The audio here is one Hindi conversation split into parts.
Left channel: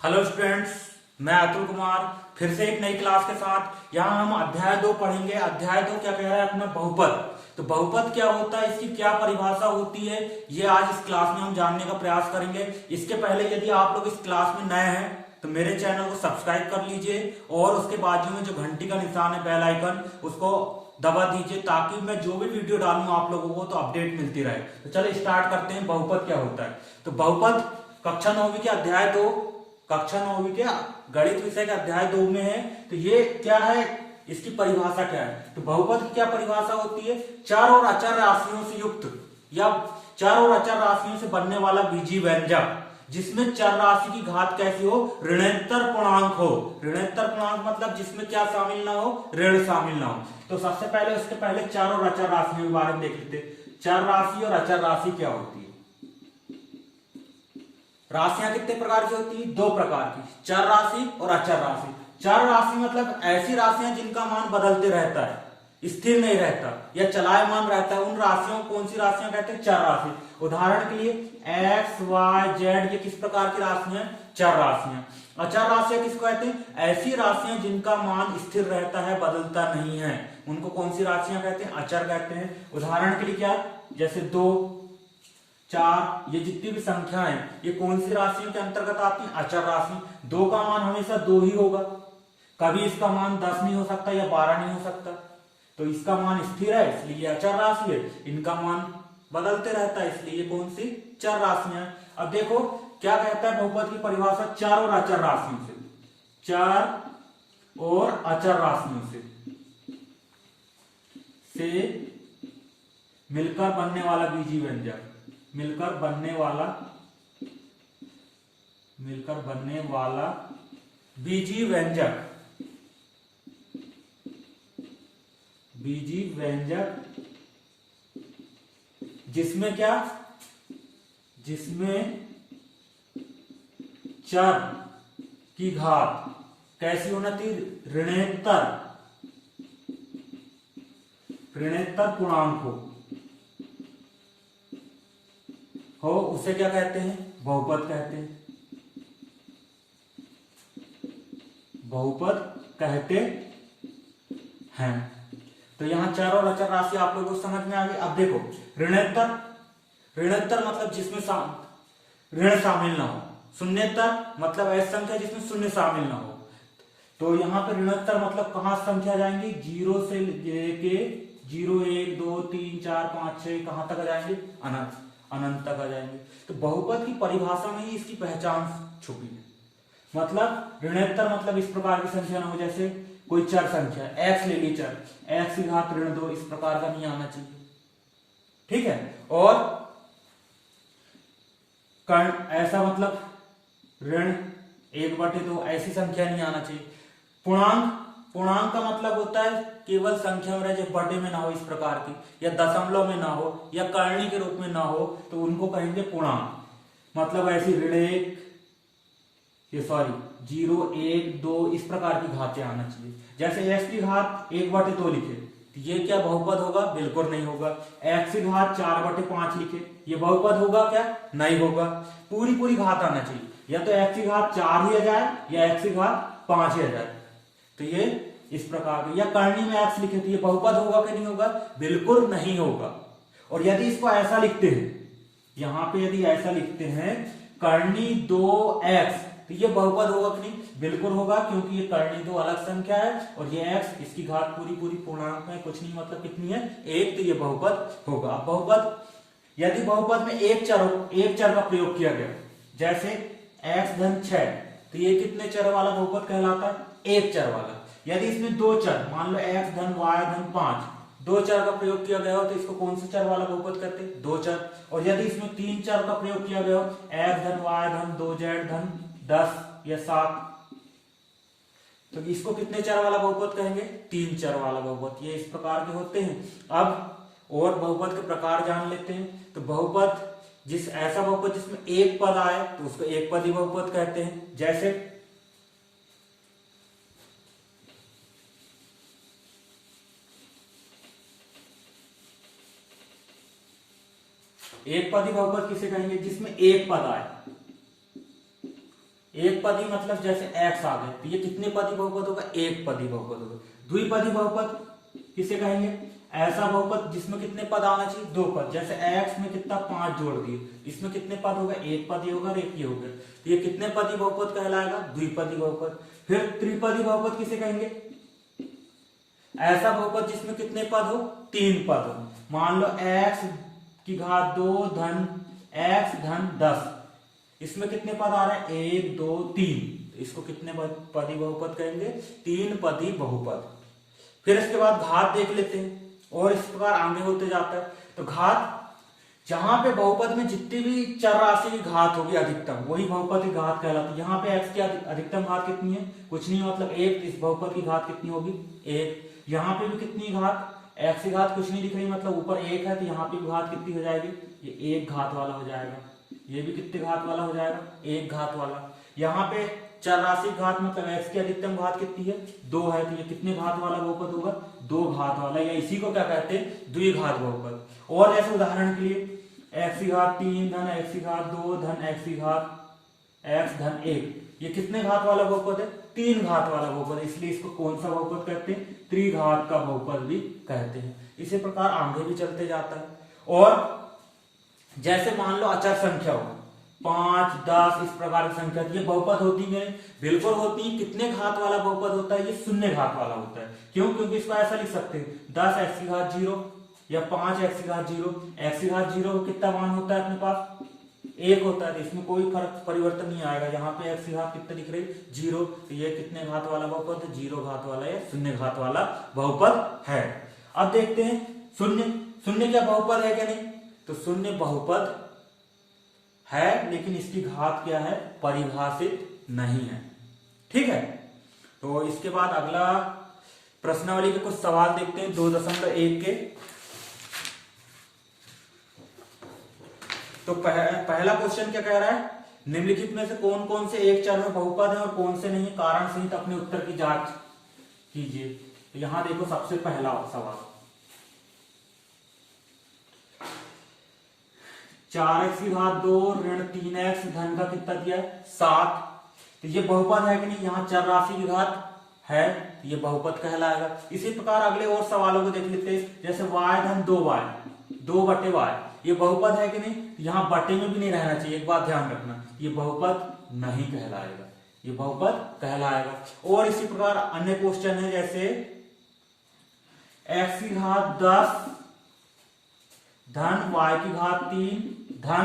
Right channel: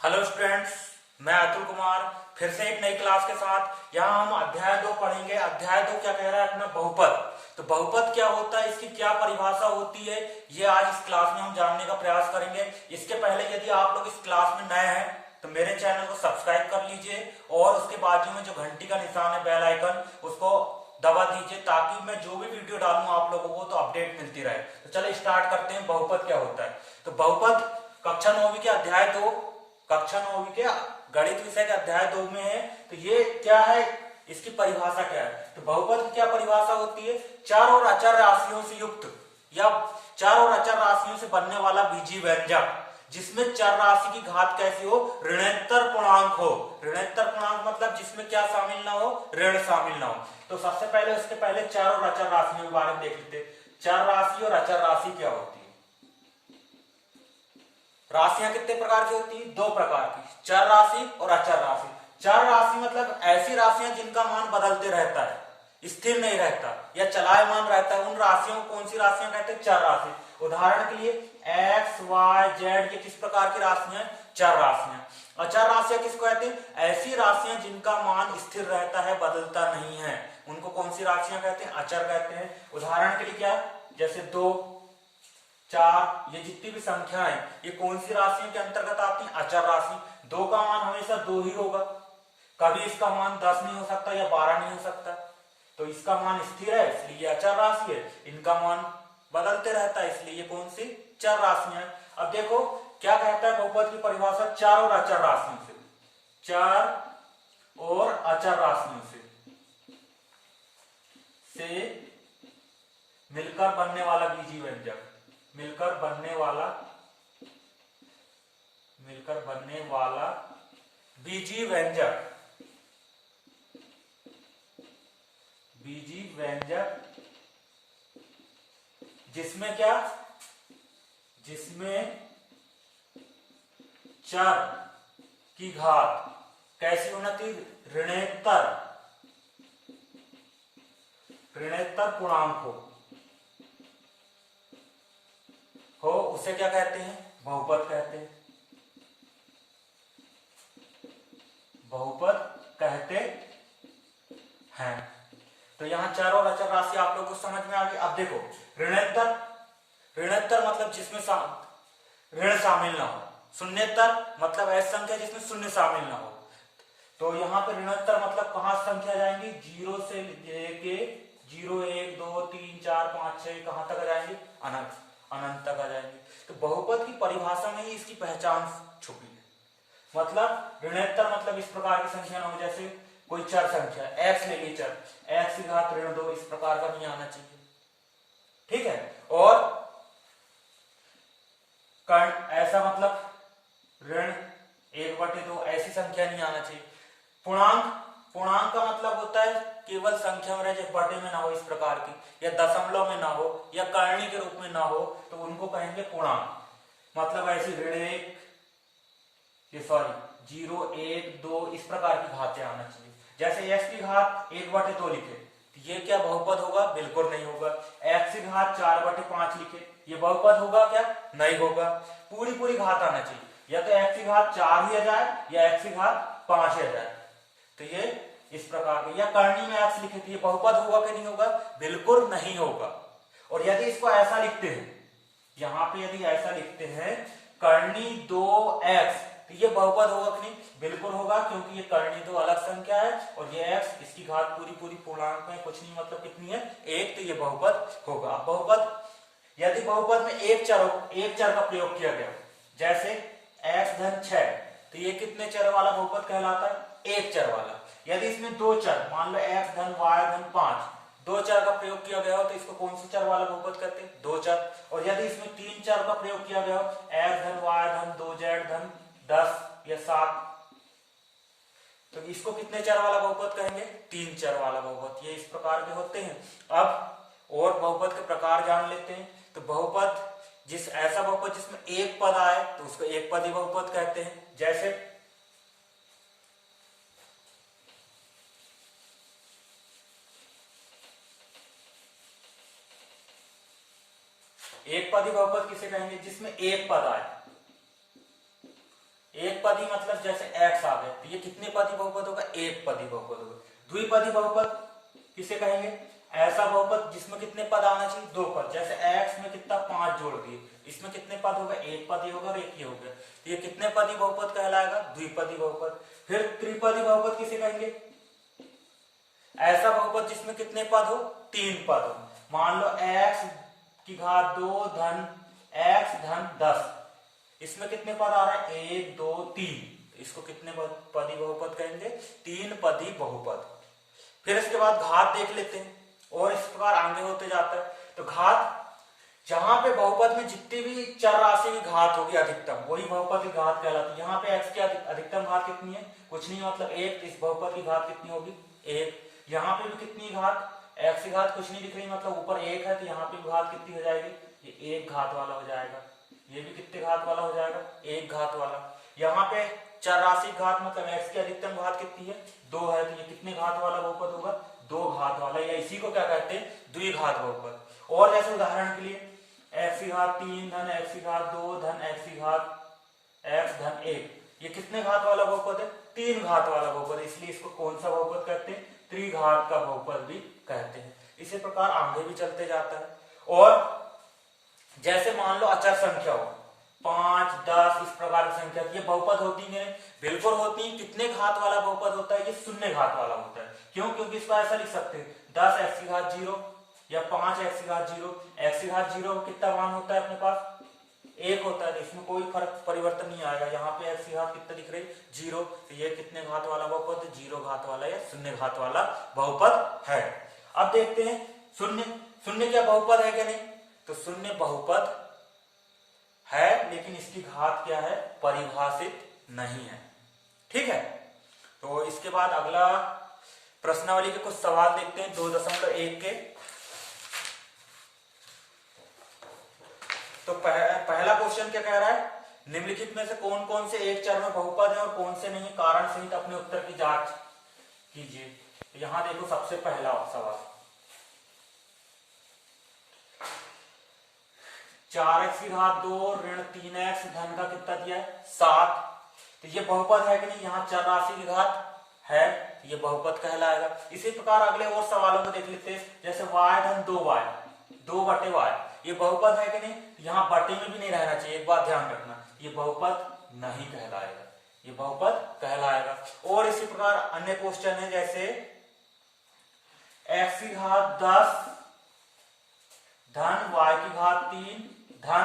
हेलो स्टूडेंट्स, मैं अतुल कुमार फिर से एक नई क्लास के साथ। यहाँ हम अध्याय 2 पढ़ेंगे। अध्याय 2 क्या कह रहा है अपना? बहुपद। तो बहुपद क्या होता है, इसकी क्या परिभाषा होती है, ये आज इस क्लास में हम जानने का प्रयास करेंगे। इसके पहले यदि आप लोग इस क्लास में नए हैं तो मेरे चैनल को सब्सक्राइब कर लीजिए और उसके बाजू में जो घंटी का निशान है, बेल आइकन, उसको दबा दीजिए ताकि मैं जो भी वीडियो डालूं आप लोगों को तो अपडेट मिलती रहे। तो चलिए स्टार्ट करते हैं। बहुपद क्या होता है? तो बहुपद कक्षा 9वीं के अध्याय 2, कक्षा 9वीं के गणित विषय के अध्याय 2 में है। तो ये क्या है, इसकी परिभाषा क्या है? तो बहुपद की क्या परिभाषा होती है? चार और अचर राशियों से युक्त या चार और अचर राशियों से बनने वाला बीजीय व्यंजक जिसमें चर राशि की घात कैसी हो? ऋणोत्तर पूर्णांक हो। ऋणोत्तर पूर्णांक मतलब जिसमें क्या शामिल ना हो? ऋण शामिल ना हो। तो सबसे पहले उसके पहले चर और अचर राशियों के बारे में देख लेते। चर राशि और अचर राशि क्या होती है? राशियां कितने प्रकार की होती है? दो प्रकार की, चर राशि और अचर राशि। चर राशि मतलब ऐसी राशियां जिनका मान बदलते रहता है, स्थिर नहीं रहता या चलायमान रहता है, उन राशियों को कौन सी राशियां कहते हैं? चर राशि। उदाहरण के लिए एक्स वाई जेड, ये किस प्रकार की राशियां? चर राशियां। अचर राशियां किसको कहते हैं? ऐसी राशियां जिनका मान स्थिर रहता है, बदलता नहीं है, उनको कौन सी राशियां कहते हैं? अचर कहते हैं। उदाहरण के लिए क्या? जैसे 2, 4, ये जितनी भी संख्या है ये कौन सी राशियों के अंतर्गत आती है? अचर राशि। 2 का मान हमेशा 2 ही होगा, कभी इसका मान 10 नहीं हो सकता या 12 नहीं हो सकता। तो इसका मान स्थिर है इसलिए अचर राशि है। इनका मान बदलते रहता है इसलिए ये कौन सी? चर राशियां है। अब देखो क्या कहता है बहुपद की परिभाषा? चार और अचर राशियों से, चार और अचर राशियों से मिलकर बनने वाला बीजीय व्यंजक, मिलकर बनने वाला बीजीय व्यंजक, बीजीय व्यंजक जिसमें क्या? जिसमें चर की घात कैसी होना चाहिए? ऋणोत्तर पूर्णांक हो उसे क्या कहते हैं? बहुपद कहते हैं। बहुपद कहते हैं। तो यहां चर और अचर राशि आप लोगों को समझ में आ गई। अब देखो ऋणोत्तर, ऋणोत्तर मतलब जिसमें ऋण शामिल ना हो। शून्योत्तर मतलब ऐसी संख्या जिसमें शून्य शामिल ना हो। तो यहाँ पर ऋणोत्तर मतलब कहां संख्या जाएंगी? 0 से लेके 0, 1, 2, 3, 4, 5, 6 कहां तक आ जाएंगे? अनंत, अनंत तक आ जाएंगे। तो बहुपद की परिभाषा में ही इसकी पहचान छुपी है। मतलब ऋणोत्तर मतलब इस प्रकार की संख्या ना हो, जैसे कोई चर संख्या x ले ली, चर x की घात ऋण 2, इस प्रकार का नहीं आना चाहिए, ठीक है। और कर्ण ऐसा मतलब ऋण 1/2 ऐसी संख्या नहीं आना चाहिए। पूर्णांक, पूर्णांक का मतलब होता है केवल संख्या में रहे, जो बटे में ना हो इस प्रकार की, या दशमलव में ना हो या करणी के रूप में ना हो, तो उनको कहेंगे पूर्णांक। मतलब ऐसी ऋण 1, ये सॉरी 0, 1, 2 इस प्रकार की घातें आना चाहिए। जैसे x की घात 1/2 लिखे तो ये क्या बहुपद होगा? बिल्कुल नहीं होगा। x की घात 4/5 लिखे, ये बहुपद होगा क्या? नहीं होगा। पूरी पूरी घात आना चाहिए, या तो x की घात 4 ही आ जाए या x की घात 5 ही आ जाए। तो ये इस प्रकार के, या करनी में x लिखे तो ये बहुपद होगा कि नहीं होगा? बिल्कुल नहीं होगा। और यदि इसको ऐसा लिखते हैं, यहां पे यदि ऐसा लिखते हैं करनी 2x, तो ये बहुपद होगा कि नहीं? बिल्कुल होगा, क्योंकि ये करनी 2 अलग संख्या है और ये x, इसकी घात पूरी पूरी पूर्णांक में कुछ नहीं, मतलब कितनी है? 1, तो ये बहुपद होगा। अब बहुपद, यदि बहुपद में एक चर का प्रयोग किया गया, जैसे x धन 6, तो ये कितने चर वाला बहुपद कहलाता है? एक चर वाला। यदि इसमें 2 चर, मान लो x धन y धन 5, 2 चर का प्रयोग किया गया हो तो इसको कौन से चर वाला बहुपद कहते हैं? 2 चर। और यदि इसमें 3 चर का प्रयोग किया गया हो, x धन y धन 2z धन 10 या 7, तो इसको कितने चर वाला बहुपद कहेंगे? 3 चर वाला बहुपद। ये इस प्रकार के होते हैं। अब और बहुपद के प्रकार जान लेते हैं। तो बहुपद, ऐसा बहुपद जिसमें एक पद आए तो उसको एक पदी बहुपद कहते हैं। जैसे एक पदी बहुपद किसे कहेंगे? जिसमें एक पद आए, एक पदी मतलब जैसे x आ गए तो ये कितने पदी बहुपद होगा, एक पदी बहुपद होगा। द्विपदी बहुपद किसे कहेंगे, ऐसा बहुपद जिसमें कितने पद आना चाहिए, दो पद। जैसे x में कितना 5 जोड़ दिए, इसमें कितने पद होगा, एक पद ही होगा और एक ही होगा, ये कितने पदी बहुपद कहलाएगा, द्विपदी बहुपद। फिर त्रिपदी बहुपद किसे कहेंगे, ऐसा बहुपद जिसमें कितने पद हो, 3 पद हो। मान लो x की घात 2 धन x धन 10, इसमें कितने पद आ रहे हैं, 1 2 3, इसको कितने पदी बहुपद कहेंगे, 3 पदी बहुपद। फिर इसके बाद घात देख लेते हैं और इस प्रकार आगे होते जाता है। तो घात, जहां पे बहुपद में जितनी भी चर राशि की घात होगी अधिकतम, वही बहुपद की घात कहलाती है। यहाँ पे x की अधिकतम घात कितनी है, कुछ नहीं मतलब 1, इस बहुपद की घात कितनी होगी, 1। यहाँ पे भी कितनी घात, x की घात कुछ नहीं दिख रही मतलब ऊपर 1 है, तो यहाँ पे घात कितनी हो जाएगी, ये 1 घात वाला हो जाएगा। ये भी कितने घात वाला हो जाएगा, 1 घात वाला। यहाँ पे चर राशि घात मतलब x की अधिकतम घात कितनी है, 2 है, तो ये कितने घात वाला बहुपद होगा, 2 घात वाला, या इसी को क्या कहते हैं, द्विघात बहुपद। और जैसे उदाहरण के लिए x की घात 3 धन x की घात 2 धन x की घात x धन 1, ये कितने घात वाला बहुपद है, 3 घात वाला बहुपद है, इसलिए इसको कौन सा बहुपद कहते हैं, त्रिघात का बहुपद भी कहते हैं। इसी प्रकार आगे भी चलते जाता है। और जैसे मान लो अचर संख्या होगा 5 10 इस प्रकार की संख्या, ये बहुपद होती है, बिल्कुल होती है। कितने घात वाला बहुपद होता है, ये शून्य घात वाला होता है। क्यों, क्योंकि इसको ऐसा लिख सकते हैं 10x की घात 0 या 5x की घात 0, x की घात 0 कितना मान होता है अपने पास, 1 होता है, तो इसमें कोई फर्क परिवर्तन नहीं आएगा। यहाँ पे x की घात कितना दिख रही, 0, तो ये कितने घात वाला बहुपद है, 0 घात वाला या शून्य घात वाला बहुपद है। अब देखते हैं शून्य, शून्य क्या बहुपद है क्या नहीं, तो शून्य बहुपद है, लेकिन इसकी घात क्या है, परिभाषित नहीं है। ठीक है, तो इसके बाद अगला प्रश्नावली के कुछ सवाल देखते हैं 2.1 के। तो पहला क्वेश्चन क्या कह रहा है, निम्नलिखित में से कौन कौन से एक चर में बहुपद है और कौन से नहीं, कारण सहित अपने उत्तर की जांच कीजिए। तो यहां देखो सबसे पहला सवाल, 4x की घात 2 ऋण 3x धन का कितना दिया है, 7, तो ये बहुपद है कि नहीं, यहाँ चर राशि की घात है, ये बहुपद कहलाएगा। इसी प्रकार अगले और सवालों को देख लेते हैं। जैसे y धन 2y, 2/y, ये बहुपद है कि नहीं, यहाँ बटे में भी नहीं रहना चाहिए, एक बात ध्यान रखना, ये बहुपद नहीं कहलाएगा, ये बहुपद कहलाएगा। और इसी प्रकार अन्य क्वेश्चन है, जैसे x की घात 10 धन y की घात 3 धन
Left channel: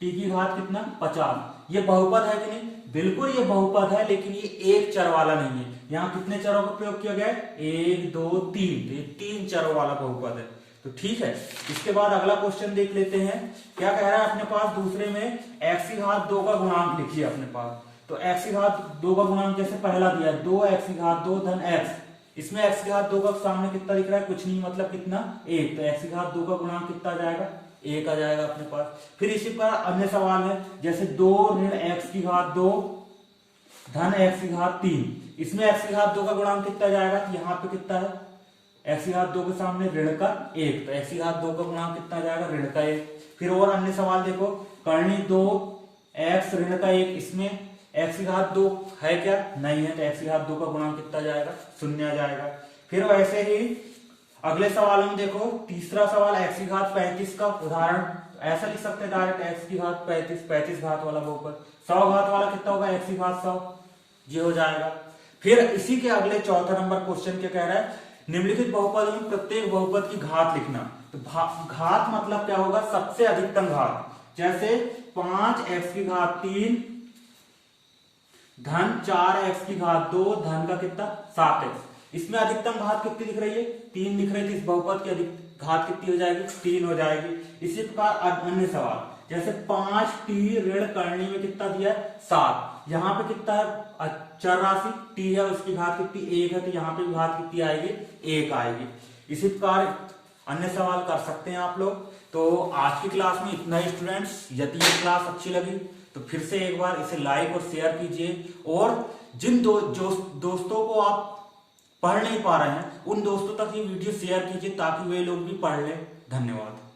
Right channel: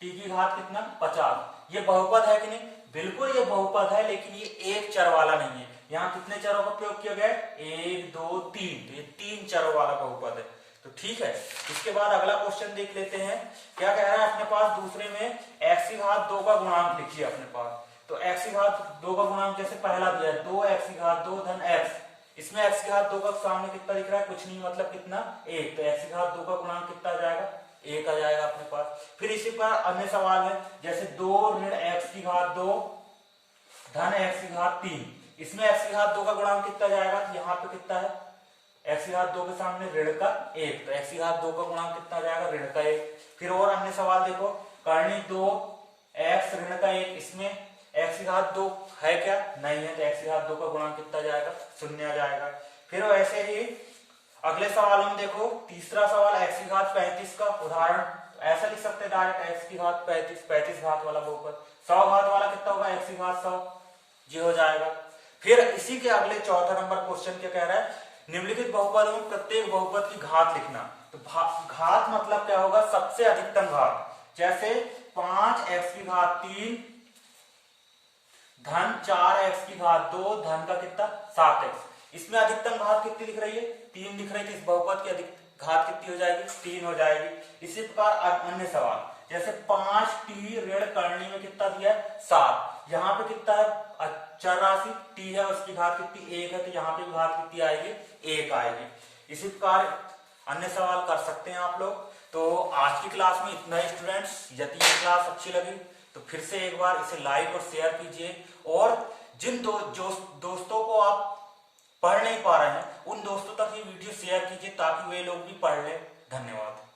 t की घात कितना 50, ये बहुपद है कि नहीं, बिल्कुल ये बहुपद है, लेकिन ये एक चर वाला नहीं है। यहाँ कितने चरों का प्रयोग किया गया है, 1 2 3, तो ये 3 चरों वाला बहुपद है। तो ठीक है, इसके बाद अगला क्वेश्चन देख लेते हैं। क्या कह रहा है अपने पास, दूसरे में x की घात 2 का गुणांक लिखिए अपने पास। तो x की घात 2 का गुणांक जैसे पहला दिया है 2x की घात 2 धन x, इसमें x की घात 2 का सामने कितना दिख रहा है, कुछ नहीं मतलब कितना 1, तो x की घात 2 का गुणांक कितना आ जाएगा, 1 आ जाएगा अपने पास। फिर इसी पर अन्य सवाल है, जैसे 2 ऋण x की घात 2 धन x की घात 3, इसमें x की घात 2 का गुणांक कितना जाएगा, यहाँ पे कितना है, x की घात 2 के सामने ऋण का 1, तो x की घात 2 का गुणांक कितना जाएगा, ऋण का 1। फिर और अन्य सवाल देखो, करनी 2 x ऋण का 1, इसमें x की घात 2 है क्या, नहीं है, तो x की घात 2 का गुणांक कितना जाएगा, 0 जाएगा। फिर वैसे ही अगले सवाल में देखो, तीसरा सवाल x की घात 35 का उदाहरण ऐसा लिख सकते हैं डायरेक्ट, x की घात 35 घात वाला बहुपद, 100 घात वाला कितना होगा, x की घात 100, ये हो जाएगा। फिर इसी के अगले चौथा नंबर क्वेश्चन क्या कह रहा है, निम्नलिखित बहुपद में प्रत्येक बहुपद की घात लिखना। तो घात मतलब क्या होगा, सबसे अधिकतम घात। जैसे 5x की घात 3 धन 4x की घात 2 धन का कितना 7x, इसमें अधिकतम घात कितनी दिख रही है, 3 दिख रही थी, इस बहुपद की अधिक घात कितनी हो जाएगी, 3 हो जाएगी। इसी प्रकार अन्य सवाल, जैसे 5t ऋण करनी में कितना दिया है 7, यहाँ पे कितना है चर राशि t है, उसकी घात कितनी 1 है, तो यहाँ पे घात कितनी आएगी, 1 आएगी। इसी प्रकार अन्य सवाल कर सकते हैं आप लोग। तो आज की क्लास में इतना ही स्टूडेंट्स, यदि ये क्लास अच्छी लगी तो फिर से एक बार इसे लाइक और शेयर कीजिए, और जिन दोस्तों को आप पढ़ नहीं पा रहे हैं उन दोस्तों तक ये वीडियो शेयर कीजिए ताकि वे लोग भी पढ़ लें। धन्यवाद।